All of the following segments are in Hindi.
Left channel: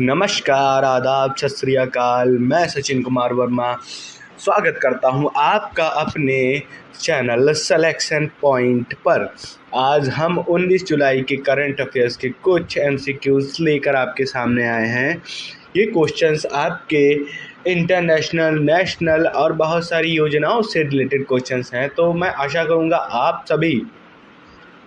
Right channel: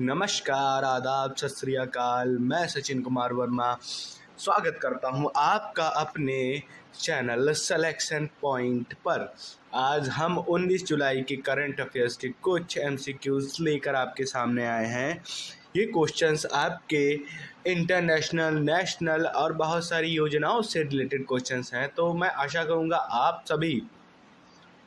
नमस्कार, आदाब, सत श्री अकाल। मैं सचिन कुमार वर्मा स्वागत करता हूं आपका अपने चैनल सिलेक्शन पॉइंट पर। आज हम 19 जुलाई के करंट अफेयर्स के कुछ एमसीक्यूज लेकर आपके सामने आए हैं। ये क्वेश्चंस आपके इंटरनेशनल, नेशनल और बहुत सारी योजनाओं से रिलेटेड क्वेश्चंस हैं। तो मैं आशा करूँगा आप सभी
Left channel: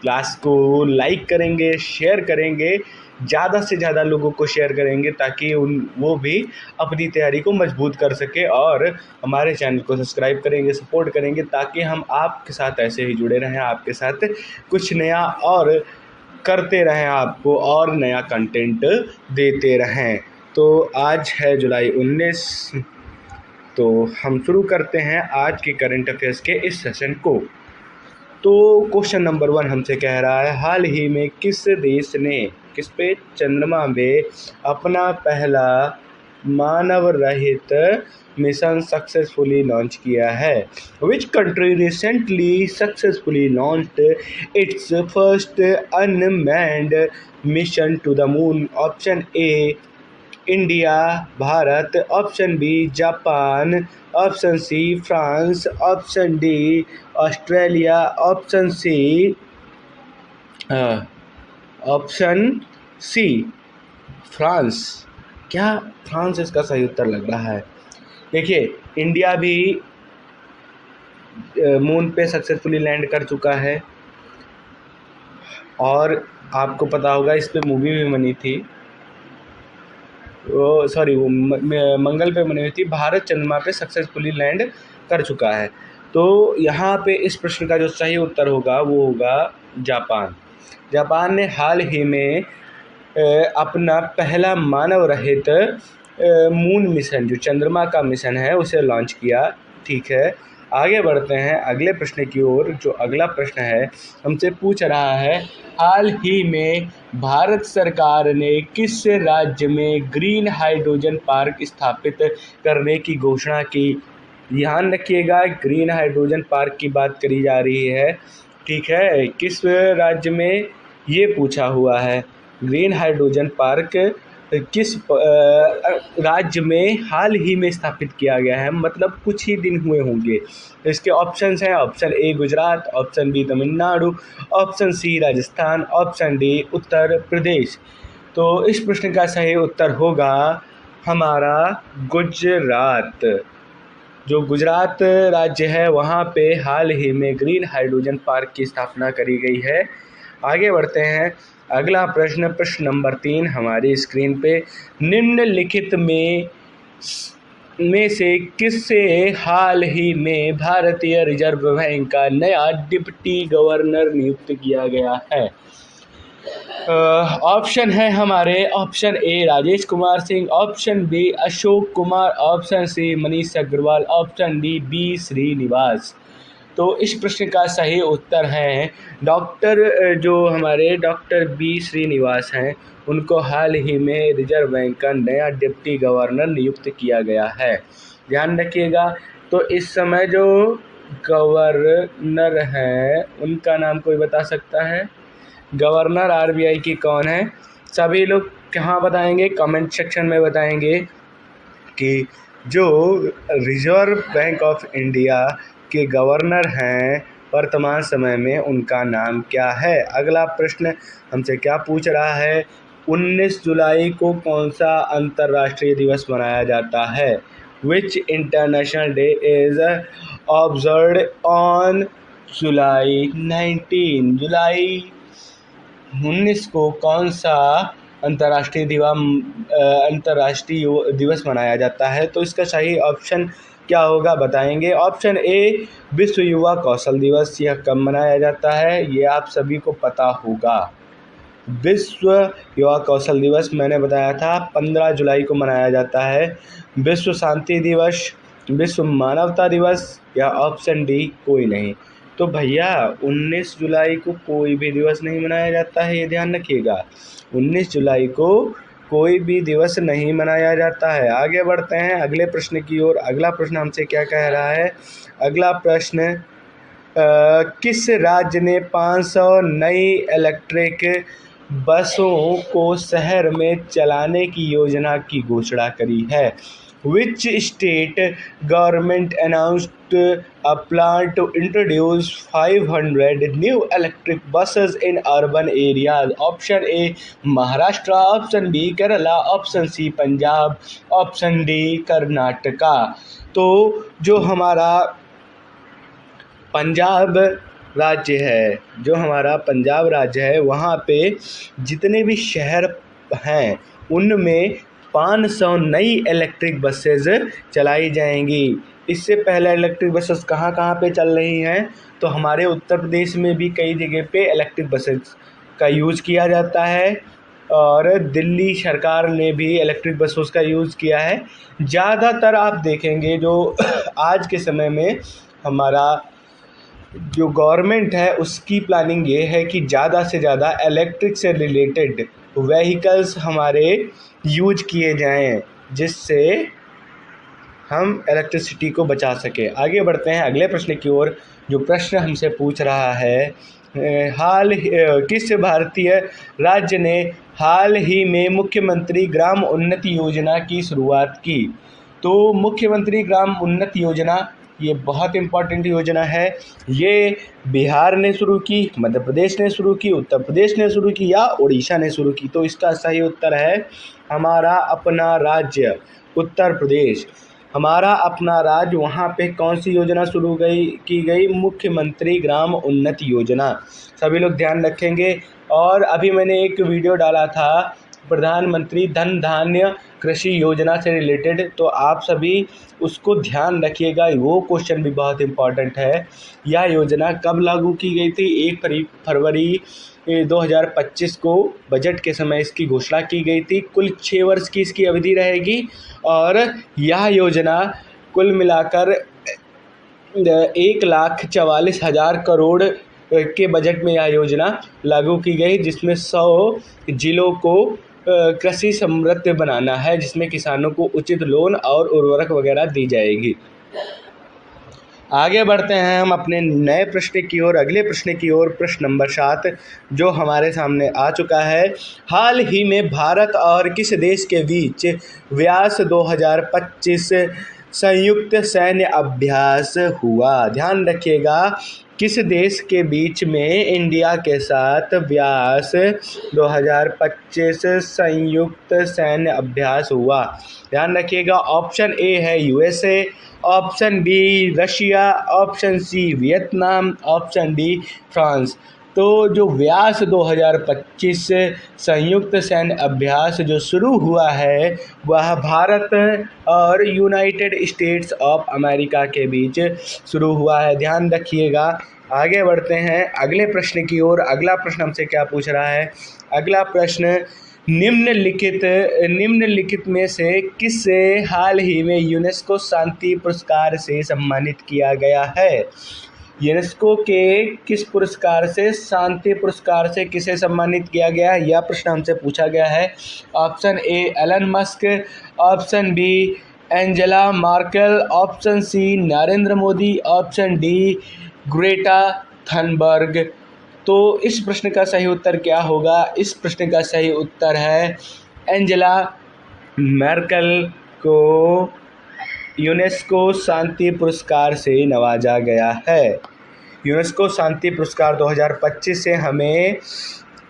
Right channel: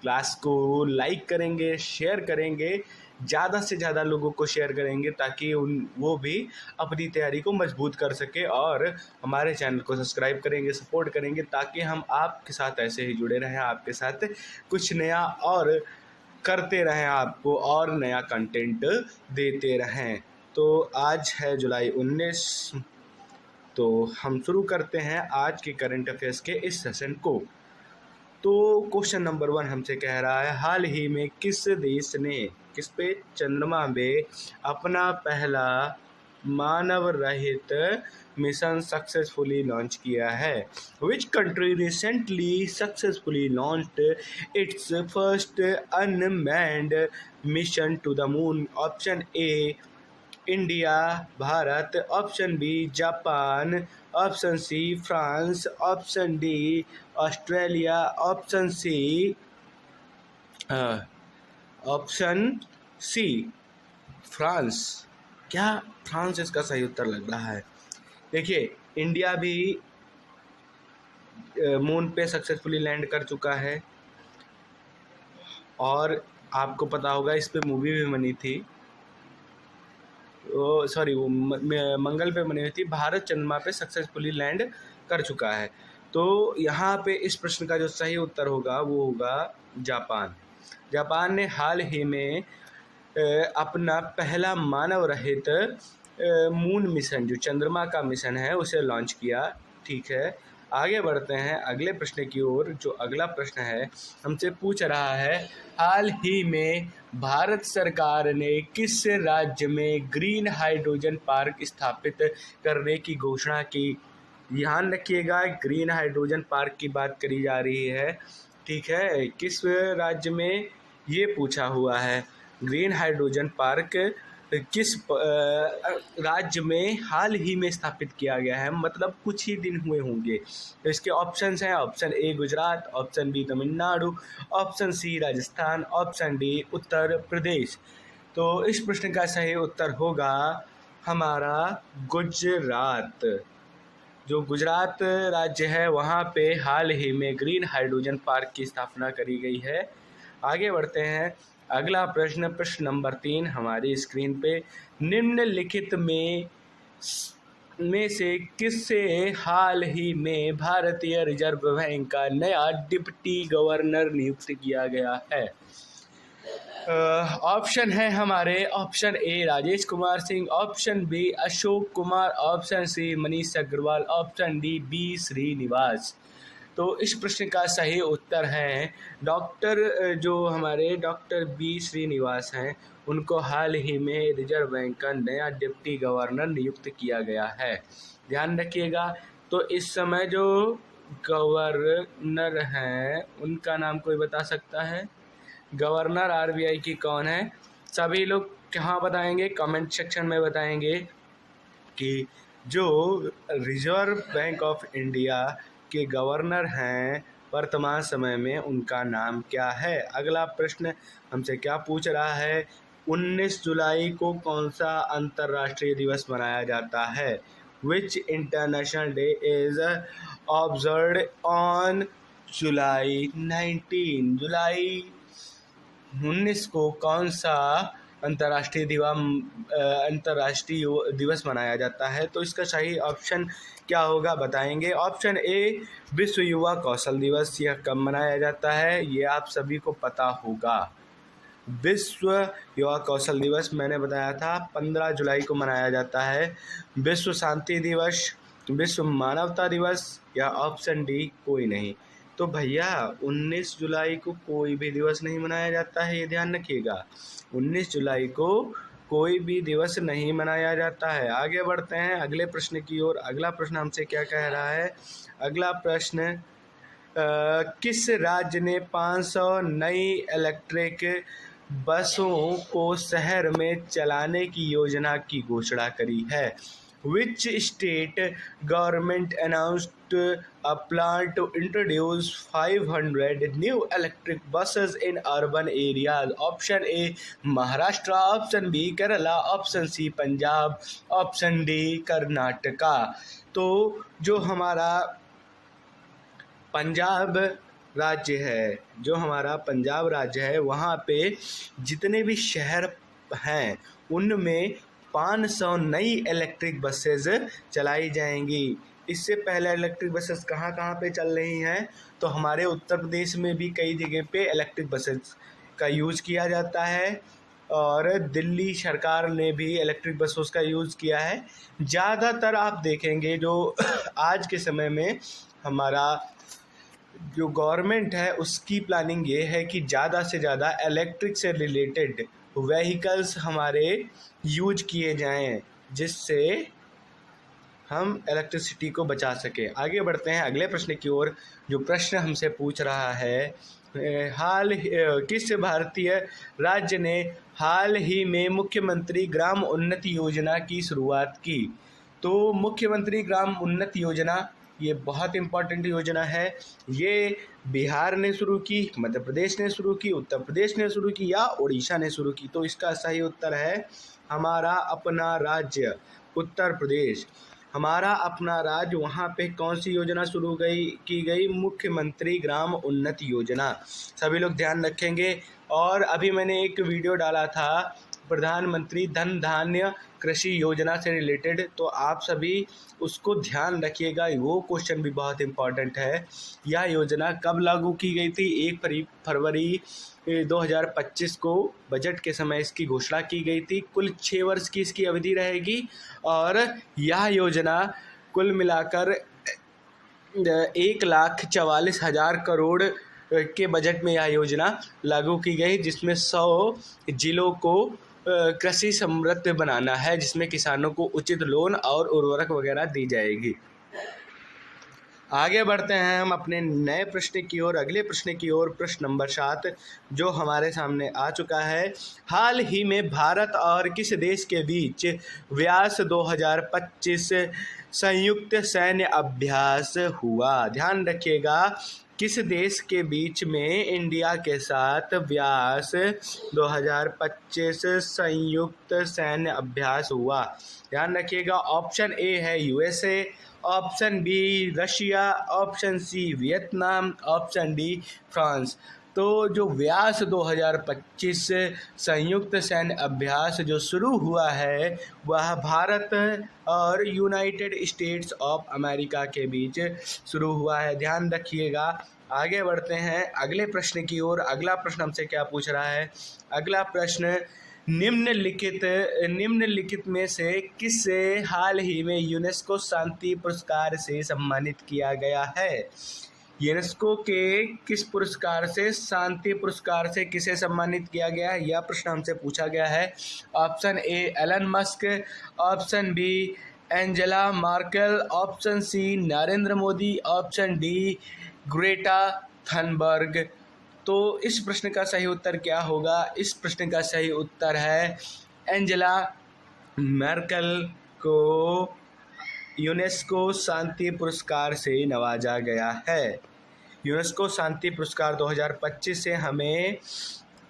क्लास को लाइक करेंगे, शेयर करेंगे, ज़्यादा से ज़्यादा लोगों को शेयर करेंगे ताकि वो भी अपनी तैयारी को मजबूत कर सके और हमारे चैनल को सब्सक्राइब करेंगे, सपोर्ट करेंगे ताकि हम आपके साथ ऐसे ही जुड़े रहें, आपके साथ कुछ नया और करते रहें, आपको और नया कंटेंट देते रहें। तो आज है जुलाई 19, तो हम शुरू करते हैं आज के करंट अफेयर्स के इस सेशन को। तो क्वेश्चन नंबर 1 हमसे कह रहा है, हाल ही में किस देश ने किस पे चंद्रमा में अपना पहला मानव रहित मिशन सक्सेसफुली लॉन्च किया है? Which country recently successfully launched its first unmanned mission to the moon? Option A India Bharat, option B Japan, option C France, option D Australia, option C France. क्या फ्रांस इसका सही उत्तर लग रहा है? देखिए, इंडिया भी मून पे सक्सेसफुली लैंड कर चुका है और आपको पता होगा इस पे मूवी भी बनी थी। वो मंगल पे बनी हुई थी। भारत चंद्रमा पे सक्सेसफुली लैंड कर चुका है। तो यहाँ पे इस प्रश्न का जो सही उत्तर होगा वो होगा जापान। जापान ने हाल ही में अपना पहला मानव रहित मून मिशन, जो चंद्रमा का मिशन है, उसे लॉन्च किया। ठीक है, आगे बढ़ते हैं अगले प्रश्न की ओर। जो अगला प्रश्न है हमसे पूछ रहा है, हाल ही में भारत सरकार ने किस राज्य में ग्रीन हाइड्रोजन पार्क स्थापित करने की घोषणा की? ध्यान रखिएगा, ग्रीन हाइड्रोजन पार्क की बात करी जा रही है। ठीक है, किस राज्य में ये पूछा हुआ है। ग्रीन हाइड्रोजन पार्क किस राज्य में हाल ही में स्थापित किया गया है, मतलब कुछ ही दिन हुए होंगे। इसके ऑप्शंस हैं, option A Gujarat, option B Tamil Nadu, option C Rajasthan, option D Uttar Pradesh. तो इस प्रश्न का सही उत्तर होगा हमारा गुजरात। जो गुजरात राज्य है वहाँ पे हाल ही में ग्रीन हाइड्रोजन पार्क की स्थापना करी गई है। आगे बढ़ते हैं, अगला प्रश्न, प्रश्न नंबर 3 हमारी स्क्रीन पे, निम्नलिखित में से किससे हाल ही में भारतीय रिजर्व बैंक का नया डिप्टी गवर्नर नियुक्त किया गया है? ऑप्शन है हमारे, option A Rajesh Kumar Singh, option B Ashok Kumar, option C Manish Agarwal, option D B Srinivas. तो इस प्रश्न का सही उत्तर है डॉक्टर बी श्रीनिवास हैं। उनको हाल ही में रिजर्व बैंक का नया डिप्टी गवर्नर नियुक्त किया गया है। ध्यान रखिएगा। तो इस समय जो गवर्नर हैं उनका नाम कोई बता सकता है? गवर्नर आरबीआई की कौन है? सभी लोग कहाँ बताएंगे? कमेंट सेक्शन में बताएंगे कि जो रिजर्व बैंक ऑफ इंडिया के गवर्नर हैं वर्तमान समय में उनका नाम क्या है। अगला प्रश्न हमसे क्या पूछ रहा है, 19 जुलाई को कौन सा अंतर्राष्ट्रीय दिवस मनाया जाता है? विच international day is observed on July 19 को कौन सा अंतर्राष्ट्रीय दिवस मनाया जाता है? तो इसका सही ऑप्शन क्या होगा बताएंगे। ऑप्शन ए विश्व युवा कौशल दिवस। यह कब मनाया जाता है ये आप सभी को पता होगा। विश्व युवा कौशल दिवस मैंने बताया था 15 जुलाई को मनाया जाता है। विश्व शांति दिवस, विश्व मानवता दिवस, या ऑप्शन डी कोई नहीं। तो भैया 19 जुलाई को कोई भी दिवस नहीं मनाया जाता है, ये ध्यान रखिएगा। 19 जुलाई को कोई भी दिवस नहीं मनाया जाता है। आगे बढ़ते हैं अगले प्रश्न की ओर। अगला प्रश्न हमसे क्या कह रहा है? अगला प्रश्न, किस राज्य ने 500 नई इलेक्ट्रिक बसों को शहर में चलाने की योजना की घोषणा करी है? Which state government announced a plan to introduce 500 new electric buses in urban areas? Option A Maharashtra, option B Kerala, option C Punjab, option D Karnataka. तो जो हमारा पंजाब राज्य है, जो हमारा पंजाब राज्य है, वहाँ पे जितने भी शहर हैं उनमें 500 नई इलेक्ट्रिक बसेस चलाई जाएंगी। इससे पहले इलेक्ट्रिक बसेस कहाँ कहाँ पे चल रही हैं? तो हमारे उत्तर प्रदेश में भी कई जगह पे इलेक्ट्रिक बसेस का यूज़ किया जाता है और दिल्ली सरकार ने भी इलेक्ट्रिक बसों का यूज़ किया है। ज़्यादातर आप देखेंगे जो आज के समय में हमारा जो गवर्नमेंट है उसकी प्लानिंग ये है कि ज़्यादा से ज़्यादा इलेक्ट्रिक से रिलेटेड व्हीकल्स हमारे यूज किए जाएं, जिससे हम इलेक्ट्रिसिटी को बचा सकें। आगे बढ़ते हैं अगले प्रश्न की ओर। जो प्रश्न हमसे पूछ रहा है, किस भारतीय राज्य ने हाल ही में मुख्यमंत्री ग्राम उन्नति योजना की शुरुआत की? तो मुख्यमंत्री ग्राम उन्नति योजना ये बहुत इम्पॉर्टेंट योजना है। ये बिहार ने शुरू की, मध्य प्रदेश ने शुरू की, उत्तर प्रदेश ने शुरू की या उड़ीसा ने शुरू की? तो इसका सही उत्तर है हमारा अपना राज्य उत्तर प्रदेश। हमारा अपना राज्य, वहाँ पे कौन सी योजना शुरू की गई? मुख्यमंत्री ग्राम उन्नति योजना। सभी लोग ध्यान रखेंगे। और अभी मैंने एक वीडियो डाला था प्रधानमंत्री धन धान्य कृषि योजना से रिलेटेड, तो आप सभी उसको ध्यान रखिएगा, वो क्वेश्चन भी बहुत इम्पॉर्टेंट है। यह योजना कब लागू की गई थी? 1 फरवरी 2025 को बजट के समय इसकी घोषणा की गई थी। कुल 6 वर्ष की इसकी अवधि रहेगी और यह योजना कुल मिलाकर 1,44,000 करोड़ के बजट में यह योजना लागू की गई, जिसमें 100 जिलों को कृषि समृद्ध बनाना है, जिसमें किसानों को उचित लोन और उर्वरक वगैरह दी जाएगी। आगे बढ़ते हैं हम अपने नए प्रश्न की ओर, अगले प्रश्न की ओर। प्रश्न नंबर 7 जो हमारे सामने आ चुका है। हाल ही में भारत और किस देश के बीच व्यास 2025 संयुक्त सैन्य अभ्यास हुआ? ध्यान रखिएगा, किस देश के बीच में इंडिया के साथ व्यास 2025 संयुक्त सैन्य अभ्यास हुआ? ध्यान रखिएगा, ऑप्शन ए है USA, option B Russia, option C Vietnam, option D France. तो जो व्यास 2025 संयुक्त सैन्य अभ्यास जो शुरू हुआ है वह भारत और यूनाइटेड स्टेट्स ऑफ अमेरिका के बीच शुरू हुआ है। ध्यान रखिएगा। आगे बढ़ते हैं अगले प्रश्न की ओर। अगला प्रश्न हमसे क्या पूछ रहा है? अगला प्रश्न, निम्नलिखित में से किसे हाल ही में यूनेस्को शांति पुरस्कार से सम्मानित किया गया है? यूनेस्को के किस पुरस्कार से, शांति पुरस्कार से किसे सम्मानित किया गया है, यह प्रश्न हमसे पूछा गया है। Option A Elon Musk, option B Angela Merkel, option C Narendra Modi, option D Greta Thunberg. तो इस प्रश्न का सही उत्तर क्या होगा? इस प्रश्न का सही उत्तर है एंजेला मार्केल को यूनेस्को शांति पुरस्कार से नवाजा गया है। यूनेस्को शांति पुरस्कार 2025 से हमें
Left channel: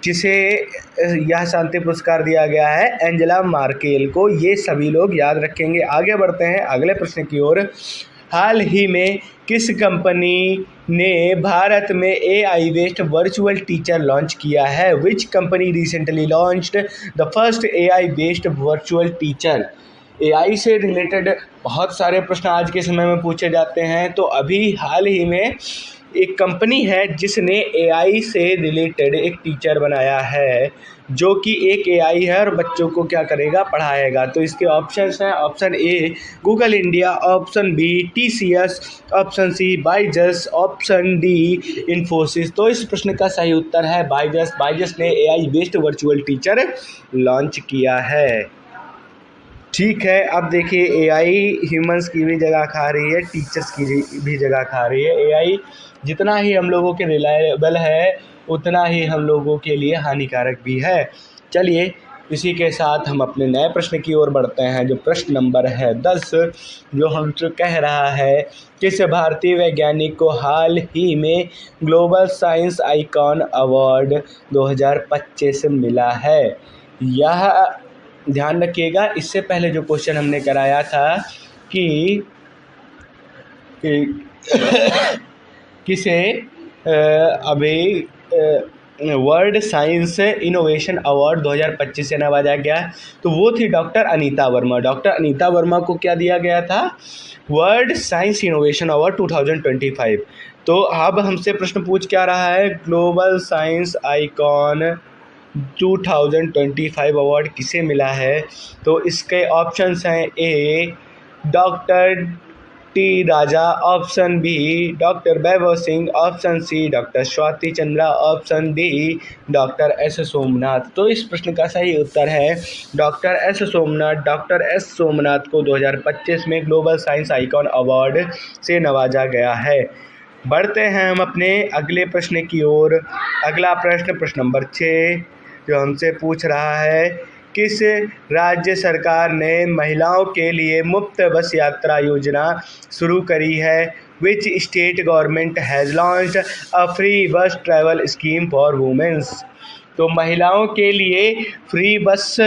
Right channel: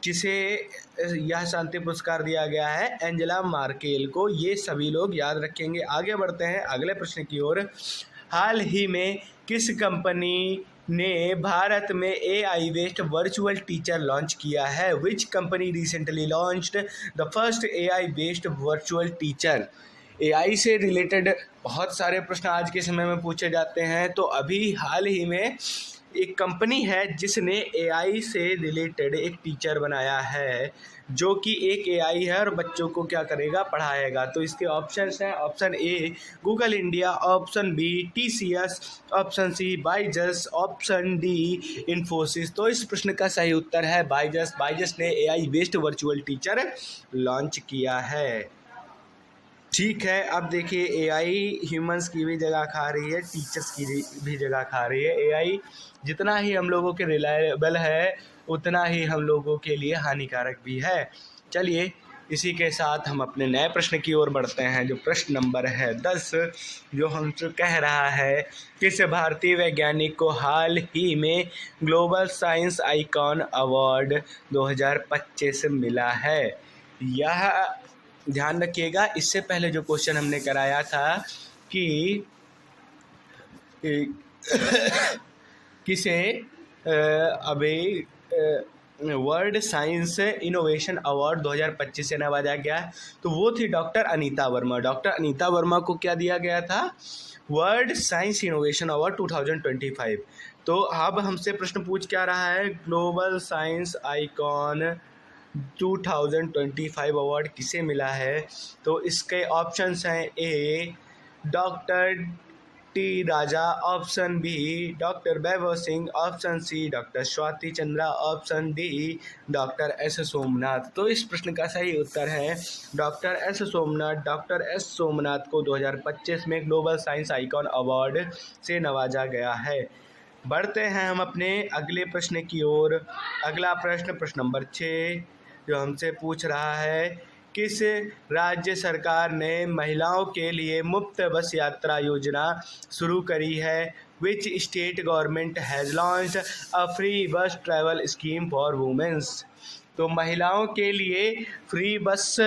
किसे यह शांति पुरस्कार दिया गया है? एंजेला मार्केल को। ये सभी लोग याद रखेंगे। आगे बढ़ते हैं अगले प्रश्न की ओर। हाल ही में किस कंपनी ने भारत में AI based virtual teacher launch किया है? Which company recently launched the first AI based virtual teacher? AI से रिलेटेड बहुत सारे प्रश्न आज के समय में पूछे जाते हैं। तो अभी हाल ही में एक कंपनी है जिसने AI से रिलेटेड एक टीचर बनाया है, जो कि एक AI है और बच्चों को क्या करेगा? पढ़ाएगा। तो इसके ऑप्शंस हैं, option A Google India, option B TCS, option C Byju's, option D Infosys. तो इस प्रश्न का सही उत्तर है बाइजस। बाइजस ने AI based virtual teacher launch किया है। ठीक है, अब देखिए AI ह्यूमंस की भी जगह खा रही है, टीचर्स की भी जगह खा रही है। AI जितना ही हम लोगों के रिलायबल है उतना ही हम लोगों के लिए हानिकारक भी है। चलिए इसी के साथ हम अपने नए प्रश्न की ओर बढ़ते हैं, जो प्रश्न नंबर है 10, जो हमसे कह रहा है किस भारतीय वैज्ञानिक को हाल ही में ग्लोबल साइंस आइकॉन अवार्ड 2025 मिला है। यह ध्यान रखिएगा, इससे पहले जो क्वेश्चन हमने कराया था कि किसे अभी वर्ल्ड साइंस इनोवेशन अवार्ड 2025 से नवाजा गया, तो वो थी डॉक्टर अनीता वर्मा। डॉक्टर अनीता वर्मा को क्या दिया गया था? World science innovation award 2025। तो अब हमसे प्रश्न पूछ क्या रहा है, ग्लोबल साइंस आइकॉन 2025 अवार्ड किसे मिला है? तो इसके ऑप्शंस हैं A doctor T Raja, option B doctor Vaibhav Singh, option C doctor Swati Chandra, option D doctor S Somnath. तो इस प्रश्न का सही उत्तर है doctor S Somnath. Doctor S Somnath को 2025 में ग्लोबल साइंस आइकॉन अवार्ड से नवाजा गया है। बढ़ते हैं हम अपने अगले प्रश्न की ओर। अगला प्रश्न, प्रश्न नंबर 6, जो हमसे पूछ रहा है किस राज्य सरकार ने महिलाओं के लिए मुफ्त बस यात्रा योजना शुरू करी है? Which state government has launched a free बस ट्रैवल स्कीम फॉर वुमेन्स? तो महिलाओं के लिए फ्री बस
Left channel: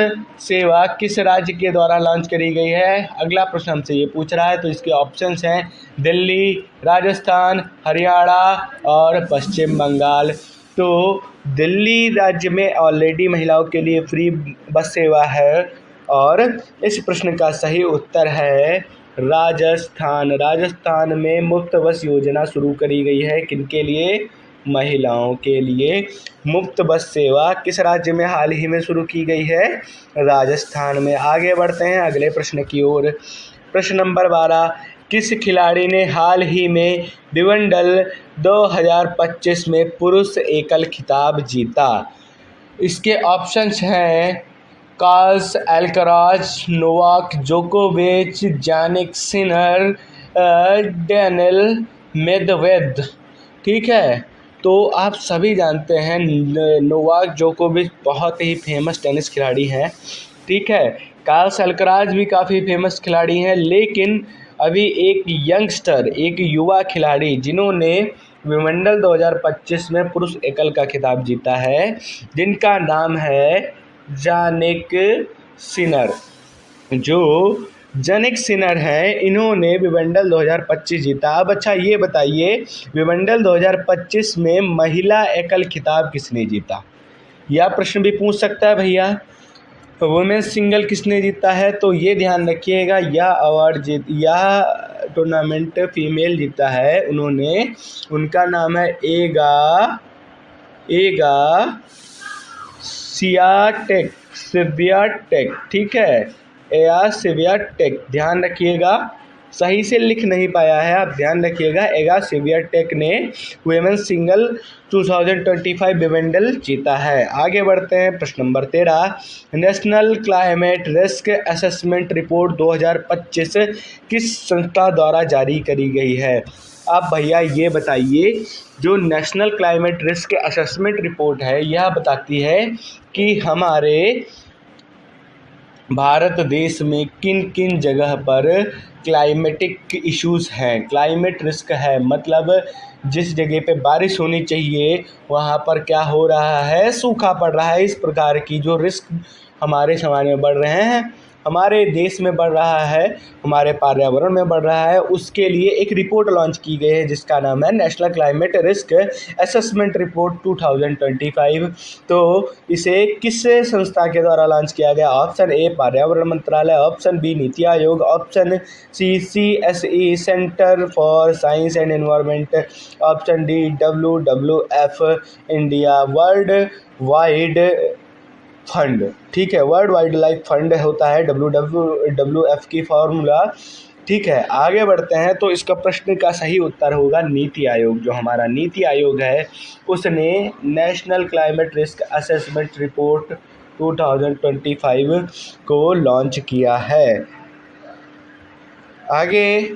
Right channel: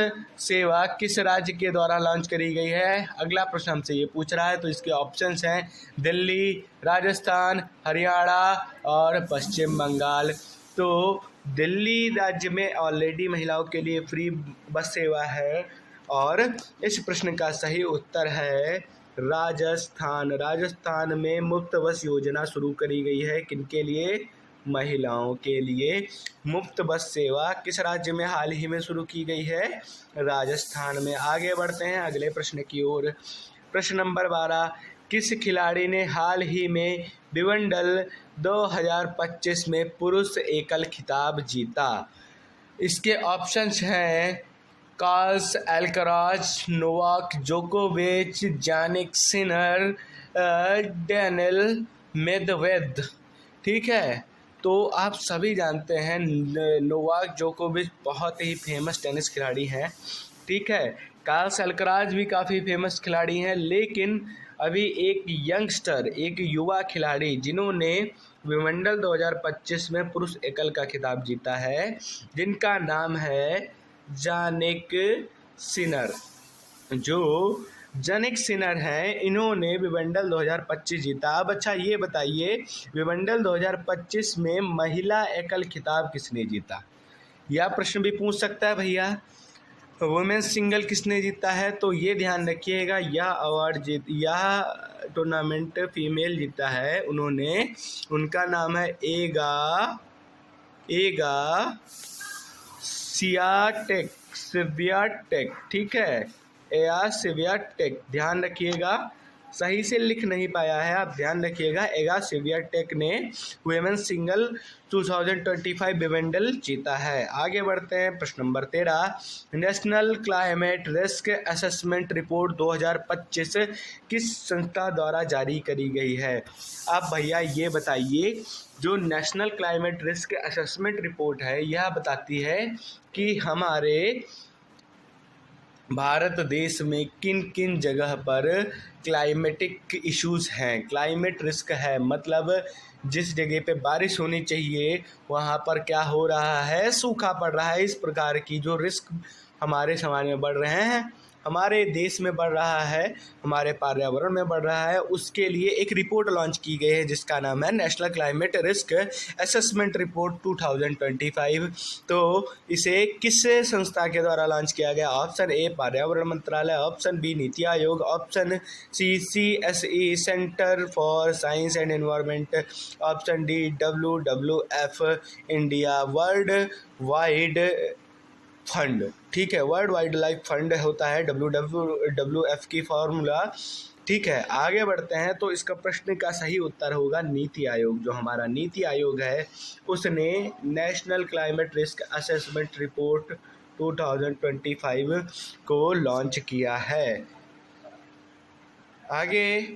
सेवा किस राज्य के द्वारा लॉन्च करी गई है? अगला प्रश्न हमसे ये पूछ रहा है। तो इसके ऑप्शंस हैं दिल्ली, राजस्थान, हरियाणा और पश्चिम बंगाल। तो दिल्ली राज्य में ऑलरेडी महिलाओं के लिए फ्री बस सेवा है और इस प्रश्न का सही उत्तर है राजस्थान। राजस्थान में मुफ्त बस योजना शुरू करी गई है। किनके लिए? महिलाओं के लिए मुफ्त बस सेवा किस राज्य में हाल ही में शुरू की गई है? राजस्थान में। आगे बढ़ते हैं अगले प्रश्न की ओर। प्रश्न नंबर 12, किस खिलाड़ी ने हाल ही में विंबलडन 2025 में पुरुष एकल खिताब जीता? इसके ऑप्शंस हैं कार्लोस अल्काराज, नोवाक जोकोविच, जानिक सिनर, डेनिल मेदवेदेव। ठीक है, तो आप सभी जानते हैं नोवाक जोकोविच बहुत ही फेमस टेनिस खिलाड़ी हैं। ठीक है, कार्लोस अल्काराज भी काफ़ी फेमस खिलाड़ी हैं, लेकिन अभी एक यंगस्टर, एक युवा खिलाड़ी जिन्होंने विंबलडन 2025 में पुरुष एकल का खिताब जीता है, जिनका नाम है जानिक सिनर। जो जानिक सिनर हैं, इन्होंने विंबलडन 2025 जीता। अब अच्छा ये बताइए, विंबलडन 2025 में महिला एकल खिताब किसने जीता? यह प्रश्न भी पूछ सकता है भैया। वुमेन्स सिंगल किसने जीता है? तो ये ध्यान रखिएगा, यह टूर्नामेंट फीमेल जीता है उन्होंने। उनका नाम है एगा स्वियाटेक। ठीक है, एगा स्वियाटेक, ध्यान रखिएगा, सही से लिख नहीं पाया है, आप ध्यान रखिएगा। एगा स्वियाटेक ने वुमेन्स सिंगल 2025 विंबलडन जीता है। आगे बढ़ते हैं प्रश्न number 13, national climate risk assessment report 2025 किस संस्था द्वारा जारी करी गई है? आप भैया ये बताइए, जो national climate risk assessment report है, यह बताती है कि हमारे भारत देश में किन किन जगह पर क्लाइमेटिक इश्यूज़ हैं। क्लाइमेट रिस्क है मतलब जिस जगह पे बारिश होनी चाहिए वहाँ पर क्या हो रहा है, सूखा पड़ रहा है। इस प्रकार की जो रिस्क हमारे समाज में बढ़ रहे हैं, हमारे देश में बढ़ रहा है, हमारे पर्यावरण में बढ़ रहा है, उसके लिए एक रिपोर्ट लॉन्च की गई है जिसका नाम है national climate risk assessment report 2025। तो इसे किस संस्था के द्वारा लॉन्च किया गया? ऑप्शन ए पर्यावरण मंत्रालय, option B NITI Aayog, option C CSE centre for science and environment, option D WWF India world wide fund. ठीक है, वर्ल्ड वाइल्ड लाइफ फंड होता है WWF की फॉर्मूला। ठीक है, आगे बढ़ते हैं। तो इसका प्रश्न का सही उत्तर होगा नीति आयोग। जो हमारा नीति आयोग है उसने national climate risk assessment report 2025 को लॉन्च किया है। आगे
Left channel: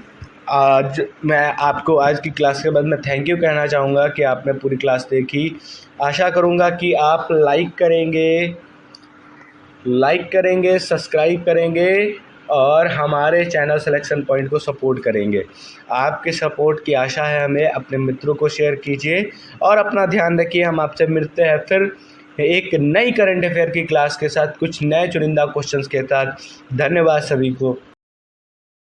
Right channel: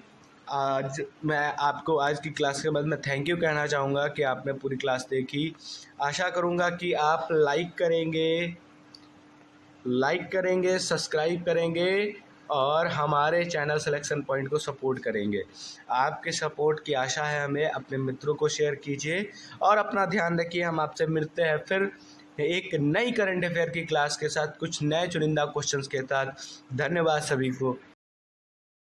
आज मैं आपको आज की क्लास के बाद मैं थैंक यू कहना चाहूँगा कि आपने पूरी क्लास देखी। आशा करूँगा कि आप लाइक करेंगे, सब्सक्राइब करेंगे और हमारे चैनल सिलेक्शन पॉइंट को सपोर्ट करेंगे। आपके सपोर्ट की आशा है हमें। अपने मित्रों को शेयर कीजिए और अपना ध्यान रखिए। हम आपसे मिलते हैं फिर एक नई करंट अफेयर की क्लास के साथ, कुछ नए चुनिंदा क्वेश्चंस के साथ। धन्यवाद सभी को।